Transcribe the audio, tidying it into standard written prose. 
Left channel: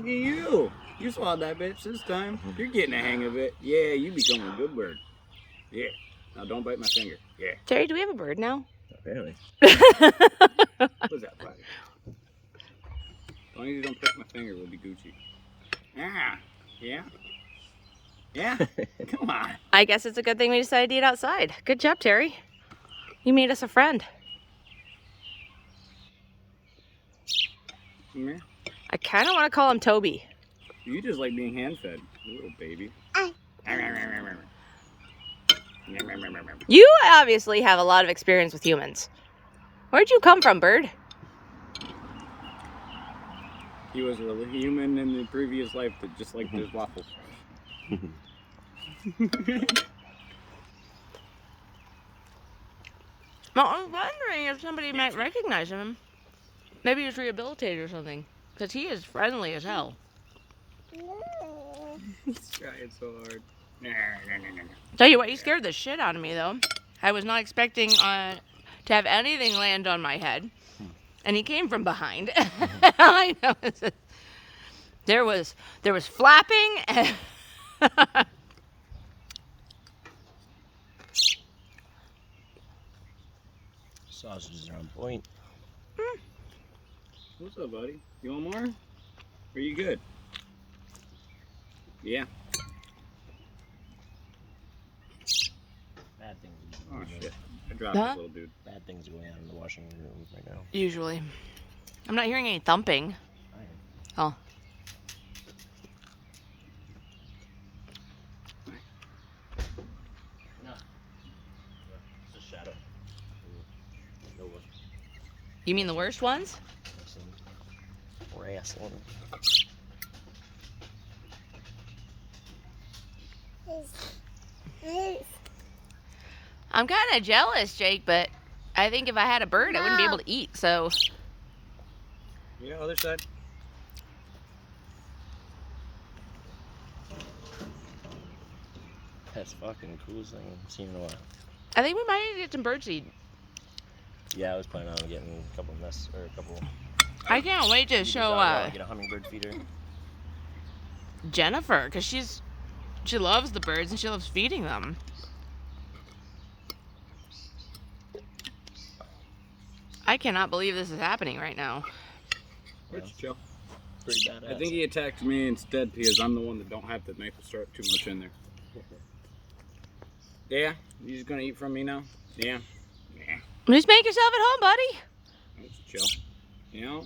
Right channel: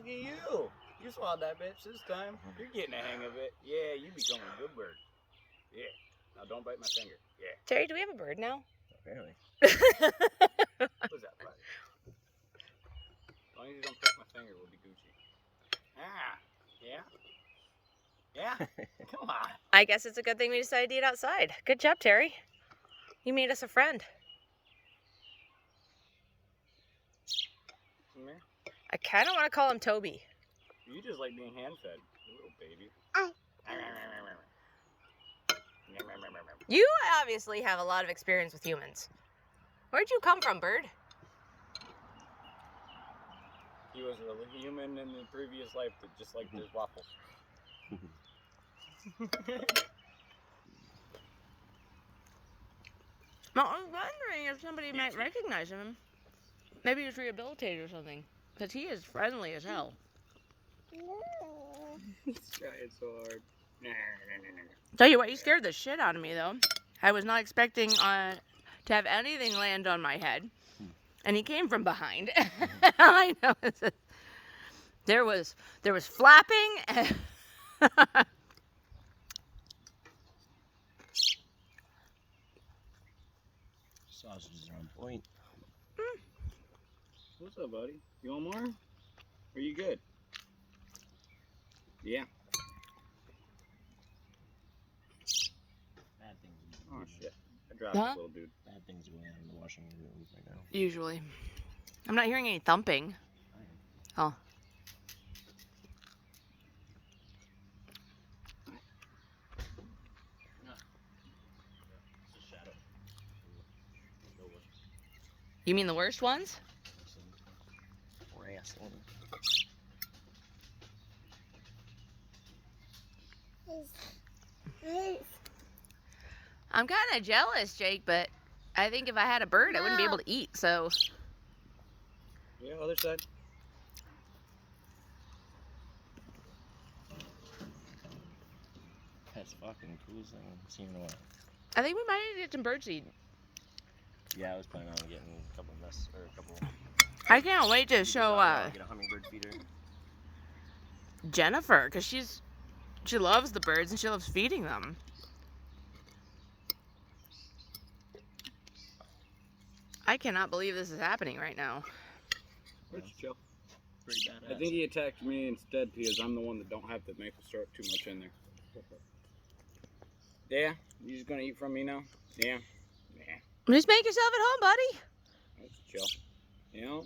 Look at you. You swallowed that bitch this time. You're getting the hang of it. Yeah, you become a good bird. Yeah. Now don't bite my finger. Yeah. Terry, do we have a bird now? Apparently. What's that, buddy? As long as you don't prick my finger, we'll be Gucci. Ah. Yeah. Yeah. Come on. I guess it's a good thing we decided to eat outside. Good job, Terry. You made us a friend. Come here. I kind of want to call him Toby. You just like being hand-fed, little baby. You obviously have a lot of experience with humans. Where'd you come from, bird? He was a human in the previous life that just liked his waffles. Well, I was wondering if somebody might recognize him. Maybe he's rehabilitated or something. Because he is friendly as hell. He's trying so hard. Tell you what, you scared the shit out of me, though. I was not expecting to have anything land on my head. And he came from behind. I know. There was flapping. And Sausages are on point. What's up, buddy? You want more? Are you good? Yeah. Bad things. Oh shit! I dropped this little dude. Bad things going on in the washing room right now. usually. I'm not hearing any thumping. Oh. It's a shadow. You mean the worst ones? Wrestling. I'm kind of jealous, Jake, but I think if I had a bird, I wouldn't be able to eat, so. Yeah, other side. That's fucking coolest thing I've seen in a while. I think we might get some birdseed. Yeah, I was planning on getting a couple a couple. I can't wait to show Get a hummingbird feeder. Jennifer, because she loves the birds and she loves feeding them. I cannot believe this is happening right now. It's chill. Pretty badass. I think he attacked me instead because I'm the one that don't have the maple syrup too much in there. Yeah, you just gonna eat from me now? Yeah. Yeah. Just make yourself at home, buddy. It's chill. You know,